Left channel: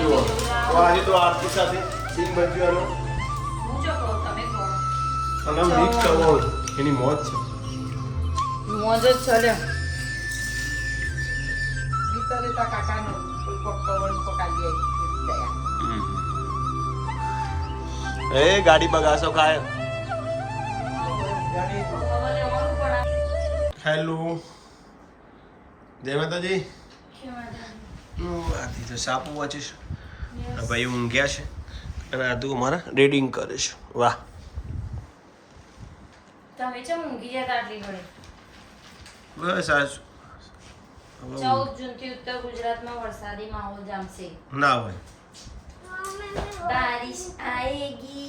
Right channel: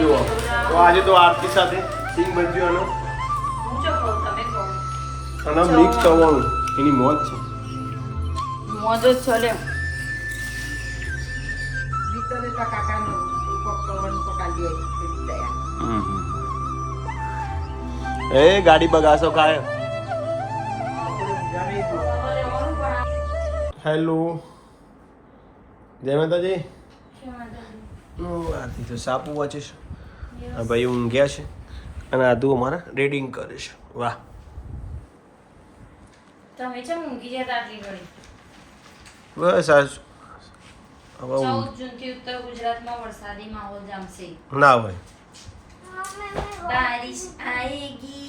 જુઓ તો આજે તો આરતી સાથે સિંગ ભજીયાનો અને મિક્સ કરવાનું એની મોજ છે. મોજ જ છે લે. એ ગાડી બગાસો ખાય. હેલો જય માતાજી. આથી તો સાપુ વાંચીશ. ભાઈ ઊંઘ્યા છે અને આદુ અમારા રીડિંગ કરે છે. વાહ તમે ચમ ઊંઘી જતા આટલી ઘડી? બસ આજ 14 જૂનથી ઉત્તર ગુજરાતમાં વરસાદી માહોલ જામશે. ના હોય. बारिश आएगी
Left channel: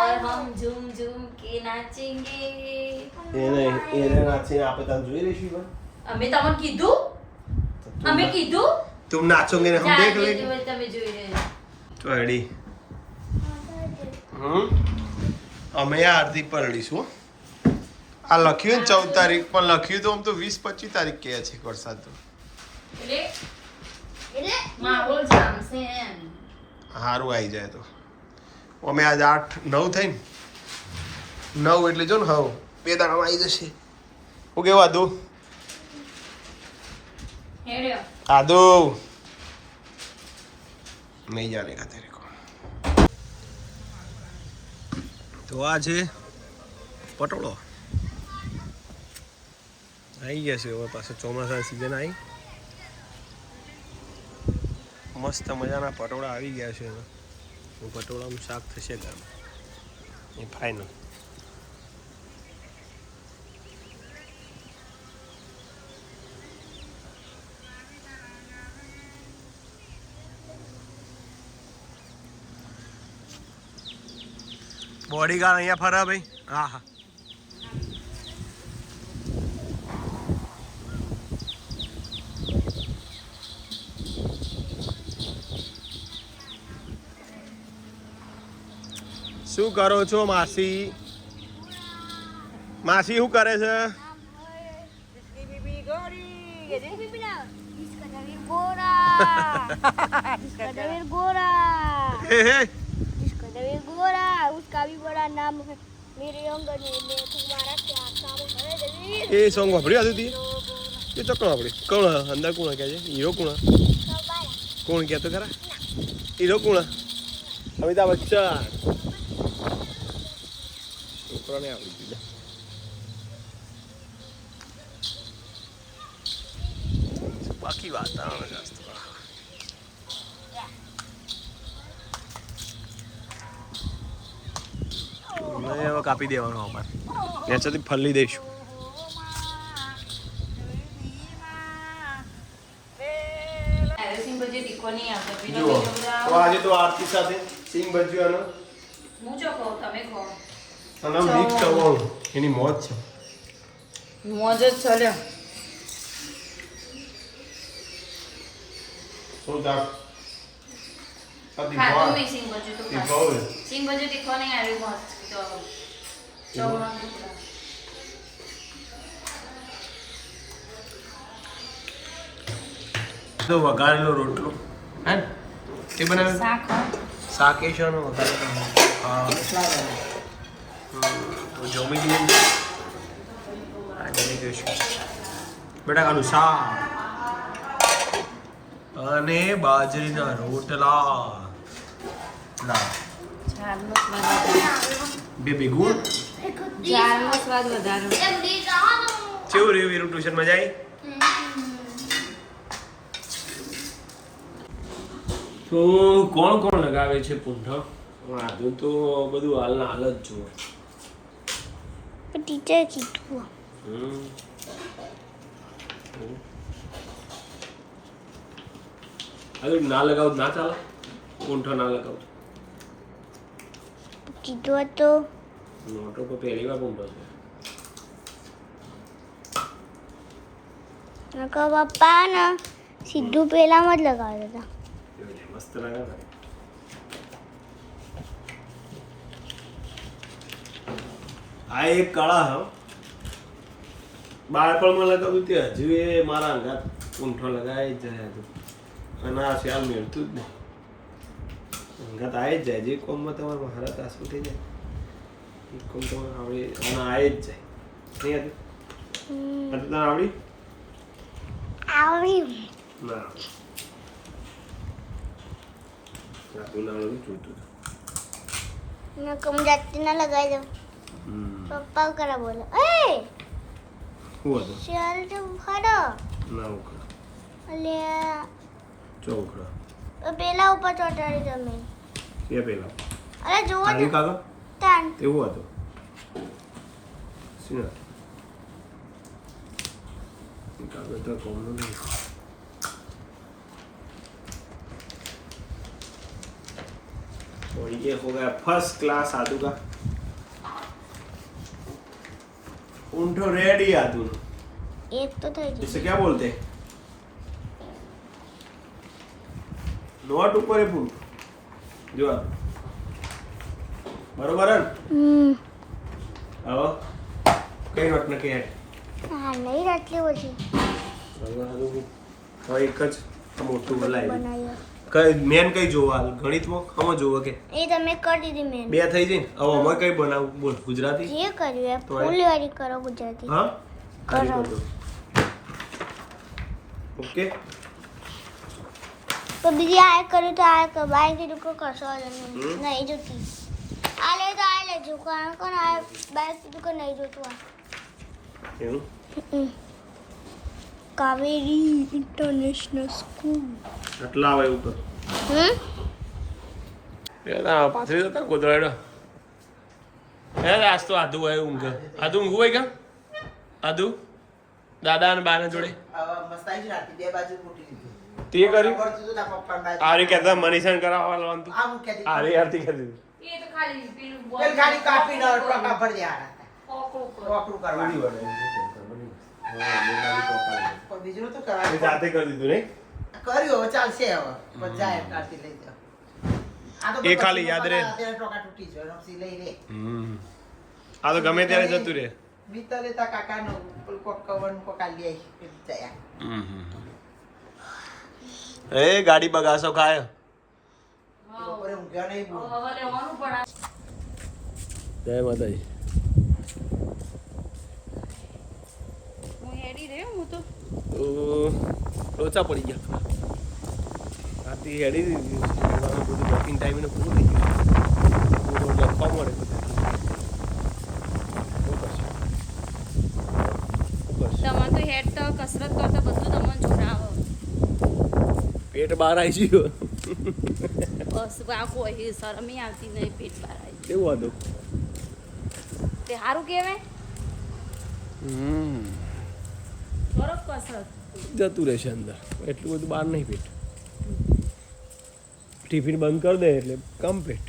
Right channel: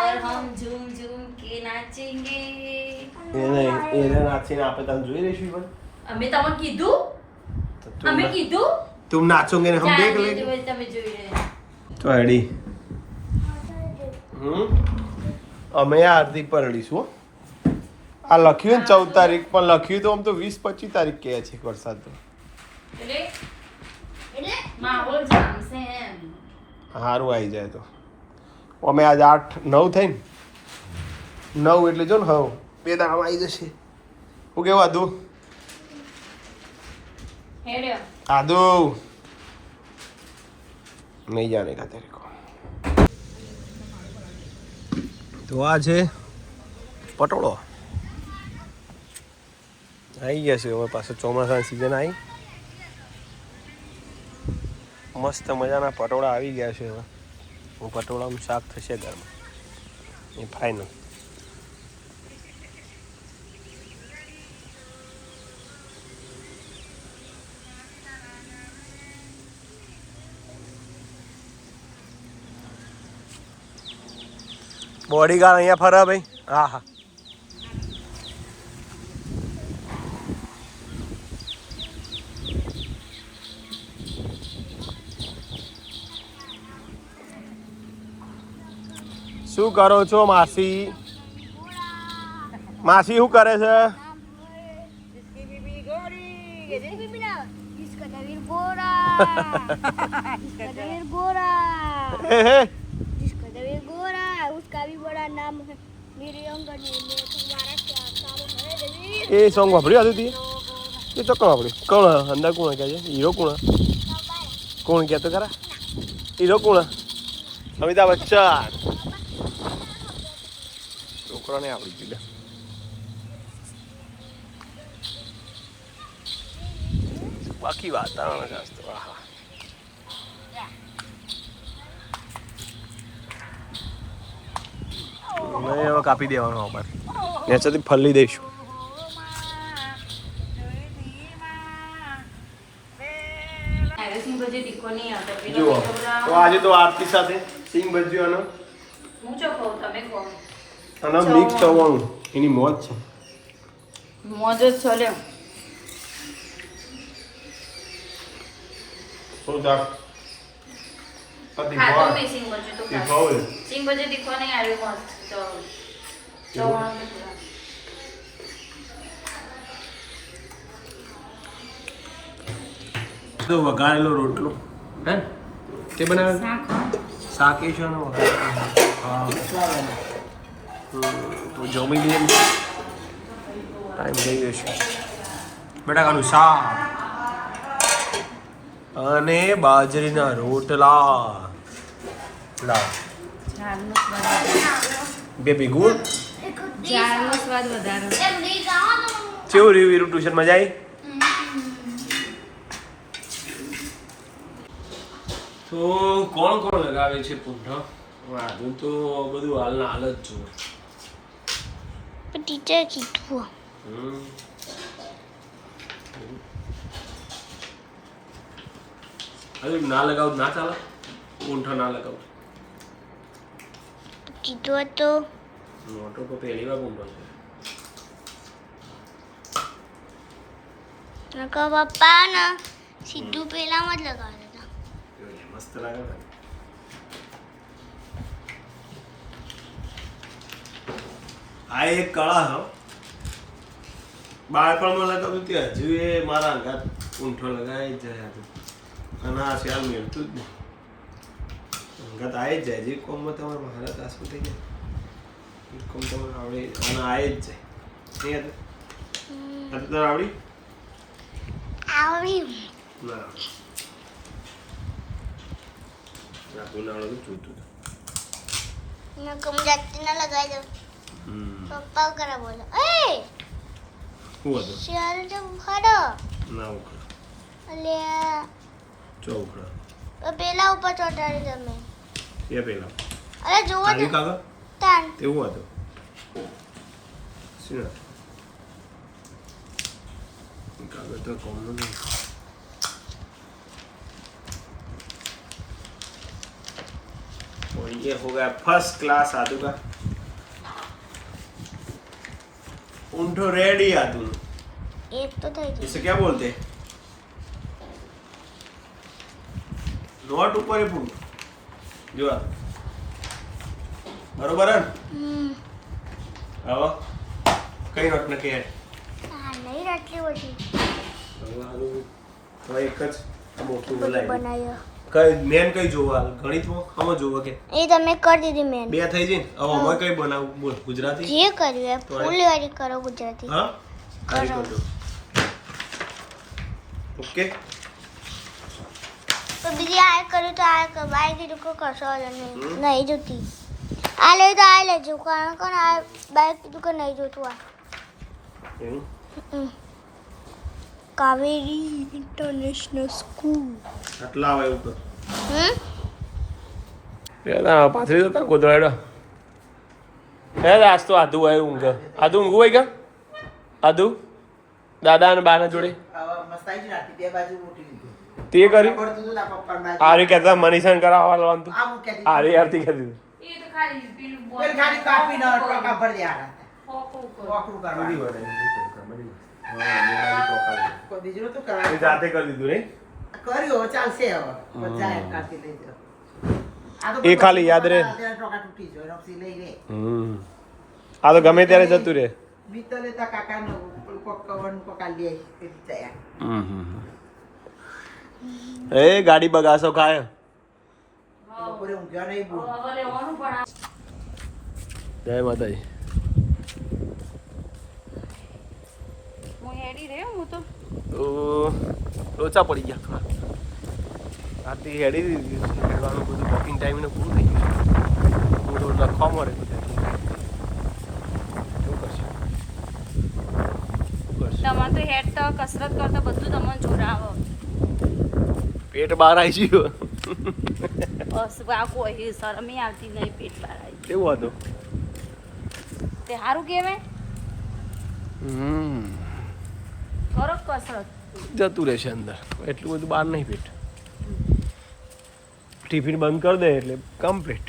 और हम झूम झूम के नाचेंगे. એને નાચીને આપણે તમે જોઈ રહીશું પણ અમે તમને કીધું तुम नाचोगे हम देख लेंगे. તમે જોઈ રહ્યા તો રેડી અમે હાર્દિક પરડીશું. આ લખ્યું ને 14 તારીખ પણ લખ્યું તો આમ તો 20-25 તારીખ કહે છે વરસાદ તો. એટલે માહોલ જામશે એમ. સારું આવી જાય તો અમે આજ 8-9 થઈ ને 9 એટલે જો ને હવે 2 દાડામાં આવી જશે. હું કેવું આદુ હેડ્યો આદુ નહીં જાને કા તેરે કો. તો આ છે પટોળો આવી ગયા છે હવે પાછો ચોમાસાની સિઝન આવી. મસ્ત મજાના પટોળા આવી ગયા છે હવે. હું પટોળાનું શાક થશે ઘરમાં એ ફાઇનલ. બોડીગાર્ડ અહીંયા ફરે ભાઈ. હા હા શું કરો છો માસી? માસી શું કરે છે? એ સોંગ વાપર્યું હતું એ તો કોણ વાપર્યું? કોણ અંદર કોણ કહે છે? હીરો કોણ? કોણ કહેતો ખરા? હીરો કોણ? અમિતાભ બચ્ચન. છોકરાને આવડી ગયું. બાકી વાતાવરણ શાસ્ત્ર આહા નહીં હવે કાપી દેવાનો અમારે નેચરથી ફલી દઈશું. જુઓ તો આજે તો આરતી સાથે સિંગ ભજીયાનો અને મિક્સ કરવાનું એની મોજ છે. મોજ જ છે લે. શું તાર ખાધું નહીં સિંગ ભજી તો સિંગ ભજી તીખો નહીં આવ્યું મસ્ત તો તો વઘારેલો રોટલો હે તે બનાવ્યો શાક એ છે વઘારેલો. હા તો જમી લઈએ. ટાઈમ થઈ ગયો છે. બટાકાનું શાક અને બાજરીના રોટલા. લા બેબી ગુડ. ચારનો સ્વાદ વધારે. કેવું રહ્યું વીરું ટ્યુશન મજા આવી? તો કોણ કોણ લગાવે છે પૂંઠો? આધું તો બધું હાલના હાલ જ જુઓ. ટીચર કીધું અરે ના લગાવ ના ચાલે. પૂંઠો ના લગાવ કીધું તો મોટો તો પહેલી વાર પૂંઠો છે. પપ્પા ને સીધું પેલામાં જ લગાવ્યા હતા. મસ્ત લાગે છે. આ એક કળા હ બાળપણમાં લગાવ્યું તે હજુ એ મારા અંગાત ઊંઠો લગાવી જ જાય હતું અને આ શિયાળ મેળતું જ નહીં અંગાત આવી જ જાય જે કોમમાં તમારે મહારત આસું થઈ જાય એ કોમ તમારે આવડે અને આવી જ જાય નહીં હતું તને આવડી આવડી ના આપું ના આવડતું જોઈતું મેં કમ જાતી ના લગાવી દઉં પપ્પા કરા બોલો એ શું હતું શિયાળ તો ખરો ના ઉખડા અલ્યા ચો ઉખડા પેલા ઉપર ચોટાડી તમે એ પેલા અરે જોવો તારી કાકા તાન તેવું હતું શું હતું કાગળ તો કોમનો નહીં और ये हो गया फर्स्ट क्लास आदू का ऊंटो रेडी आदू एक तो થઈ ગઈ इसे क्या बोलते हैं नोट ऊपर है पुंट जो आदू बरोबर है आओ कई नोट नके है હા નહીં આટલી ઓછી बरोबर आदू तो एक ज मोटू बोलाय બનાવ્યો કઈ મેન કઈ જોવા ગણિતમાં કમો જોવા કે એ તમે કરી દીધી મેન બે થઈ જઈને હવે અમે કઈ બનાવું બોલ ગુજરાતી જે કર્યું એ ફૂલવાળી કરો ગુજરાતી હા કરો. ઓકે તો બીજી આ કર્યું તો આ કર બાય કીધું કે કશો નહીં નહીં જોતી આ લે તો આ લેજો કારણ કે આ બાય કીધું કે નહીં જોતું આ એવું કાવેરી ઇન્ટરનેશનલ સ્કૂલ આટલા આવે ઉપર પેલા પાછળ જતા ગોદરાડા પેલા આજ તો આધુ આવ્યું ઊંઘ આધુ ઊંઘું હોય કે આધુ દાદા અને બાના જોડે તે કરી આરે કહેતા મનીષાને કરાવવા લાવવાનું આરે આરતી કરી દીધું એ તો ખાલી પેલું બોલ ગાડી કાપી ન ટોકા ભરી દેવાના ફોકું કર. વાપરું બધી કરવાનું બનાવી હા મેં બાજુ ટોકા કોઈ બીજું તો એ કરવાનું જાતે કરી દીધું ને કર્યું હવે ચાલશે હવે બધાય કાઢી લઈ જાઓ આ તો એ ખાલી યાદ રહે. ટોકા તૂટી જાય રક્ષી લઈ લે આ તો ગમે ત્યારે જતું રહે બીતો લેતા કાકાનો કોક કવન કોકા લે એ જાય એ ગાડી બગાસો ખાય બપોરે ઊંઘ્યો નહીં બહુ હવે લેવાનું પણ આ જય માતાજી હું હેડી રહ્યો હું તો તો લોચા પડી ગયા થોડા રાતે હેડી દીધી હેડવાનું બધું વોકિંગ ટાઈમ ને પૂરું થઈ ગયું બધું લખવા મળે બધું શું કરશે તમારે તો હેડ તો કસરત કરતો બધું તમને જોડાવો પેટ બહાર આવી ગયું બસ આ કોઈ શરમી આવતી નહીં પેટ બહાર આવી કેવું હતું તે સારું કહેવાય કરો કસરત જતું રહેશે અંદર એટલું બધું બહાર નહીં પેટ ટિફિન બંધ કરી દે એટલે કમ્પ્લીટ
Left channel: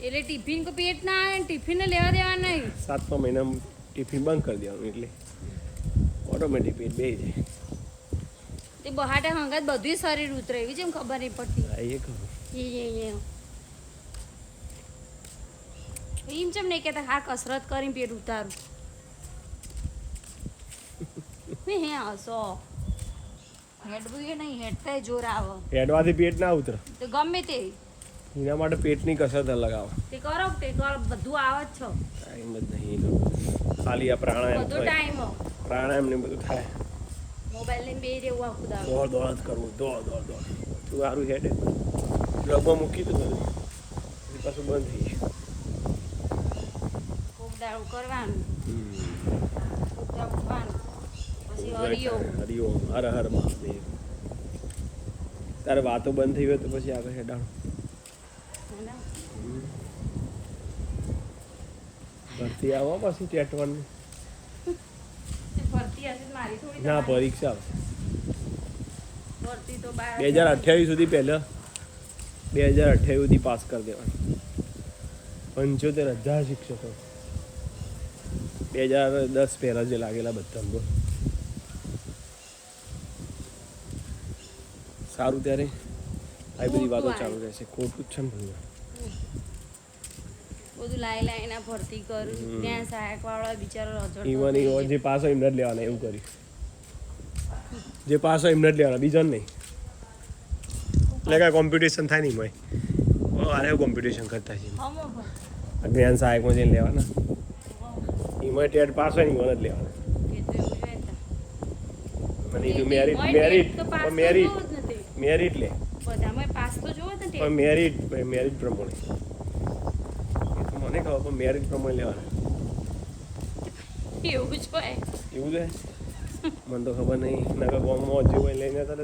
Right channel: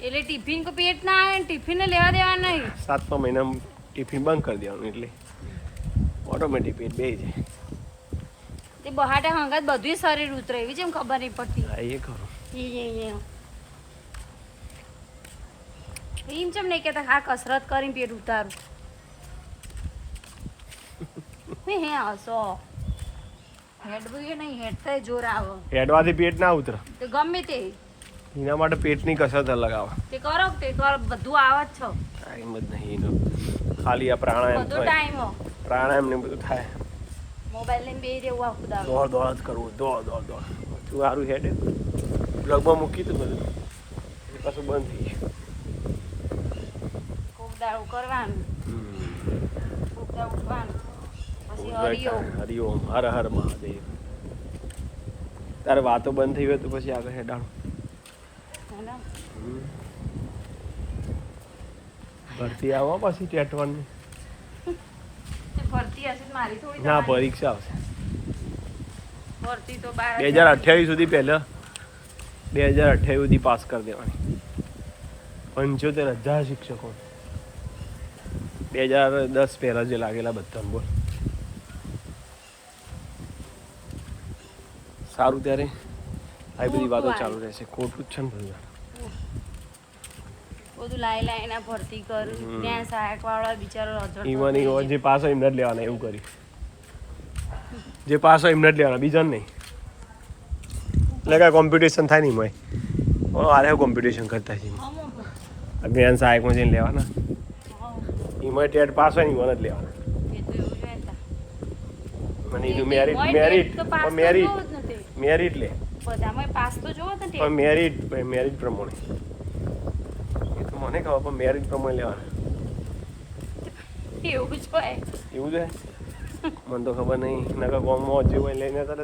એટલે ટિફિન કો પેટ ના આવે ને ટિફિન લેવા દેવા નહીં 7મા મહિનામાં ટિફિન બંધ કરી દેવાનું એટલે ઓટોમેટિક પેટ બેસી જાય તે બહાટે હંગાત બધું શરીર ઉતરે એવી જેમ ખબર નહીં પડતી હા એ ખરું એમ ચમ નહીં કહેતા હા કસરત કરીને પેટ ઉતારું હે હસો હેડવું એ નહીં હેડતા જોર આવે હેડવાથી પેટ ના ઉતરે તે ગમે તે એના માટે પેટની કસરત અલગ આવે તે કરો તે કરો બધું આવે જ છો ટાઈમ જ નહીં એનો ખાલી આ પ્રાણાયામ બધો થાય ટાઈમ પ્રાણાયામ ને બધું થાય મોબાઈલ લઈને બેહી રહેવું આખું દાડો દોડ દોડ જ કરવું દોડ દોડ દોડ તું સારું હેડે પ્લગમાં મૂકી દઉં બધું એ પાછું બંધ થઈ ગયું કોક દાડો કરવાનું કોક દાડો ઉઠવાનું પછી હરિયો હરિઓમ હર હર મહાદેવ તારે વાતો બંધ થઈ હોય તો પછી આગળ હેડાણું હેને? ભરતી આવો પછી ટેટવાની તે ભરતી હશે તો મારી થોડી ના તમારી. પરીક્ષા આવશે ભરતી તો બાર 2028 સુધી પહેલા 2028 સુધી પાસ કરી દેવાની 75,000 શિક્ષકો 2010 પહેલા જે લાગેલા બધા બોલ સારું ત્યારે આવી બધી વાતો ચાલુ રહેશે ખોટું જ છે ને બધું બધું લાઈ લાઈને ભરતી કર્યું ત્યાં સહાયક વાળા બિચારો રજડ ઈવન ઈવન જે પાસ હોય એમને જ લેવાના એવું કર્યું જે પાસ હોય એમને જ લેવાના બીજાને નહીં એટલે કાંઈ કોમ્પિટિશન થાય નહીં ભાઈ આરે કોમ્પિટિશન કરતા છે અભિયાન સહાયકમાં જઈને લેવાના એમાં ટેટ પાસ હોય ને ઈવન જ લેવાના મને એનું મેરિટ લે બધામાં પાસ તો જોવો ને પણ મેરિટ પ્રમાણે એ તો મને ખબર પણ મેરિટ પ્રમાણે લેવાના એવું જ હોય એવું છે મને તો ખબર નહીં નકર ગામમાં જે હોય લઈને તરત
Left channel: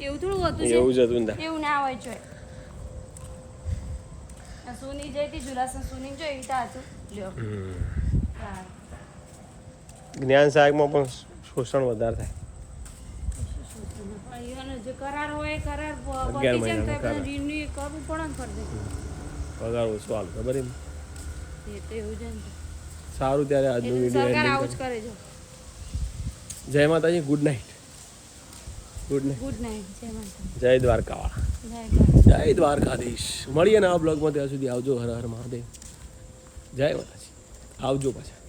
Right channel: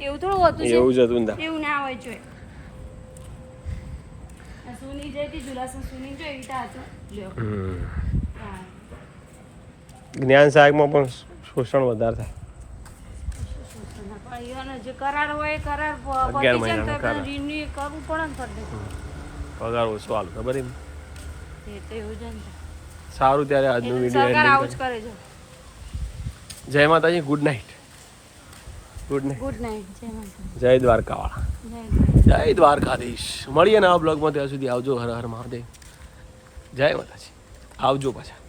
એવું થોડું હોતું છે એવું જ હતું ને એવું ના હોય જોઈએ સુની જઈ હતી જુલાસન સુની જો એવી રીતે હતું લ્યો હા જ્ઞાન સહાયકમાં પણ શોષણ વધારે થાય પણ ઈવન જે કરાર હોય કરાર 11 મહિનાનો કરાર. રિન્યુ કરવું પડે ને ફરતે પગાર ઓછો હાલ ખબર એમ એ તો એવું જ ને સારું ત્યારે આજનું એટલે સરકાર વિડીયો આવું જ કરે છે જય માતાજી ગુડ નાઇટ ગુડ નાઇટ જય માતા જય દ્વારકાવાળા જય દ્વારકા. જય દ્વારકાધીશ મળીએ ને આ બ્લોગમાં ત્યાં સુધી આવજો હર હર મહાદેવ જય માતાજી આવજો પાછા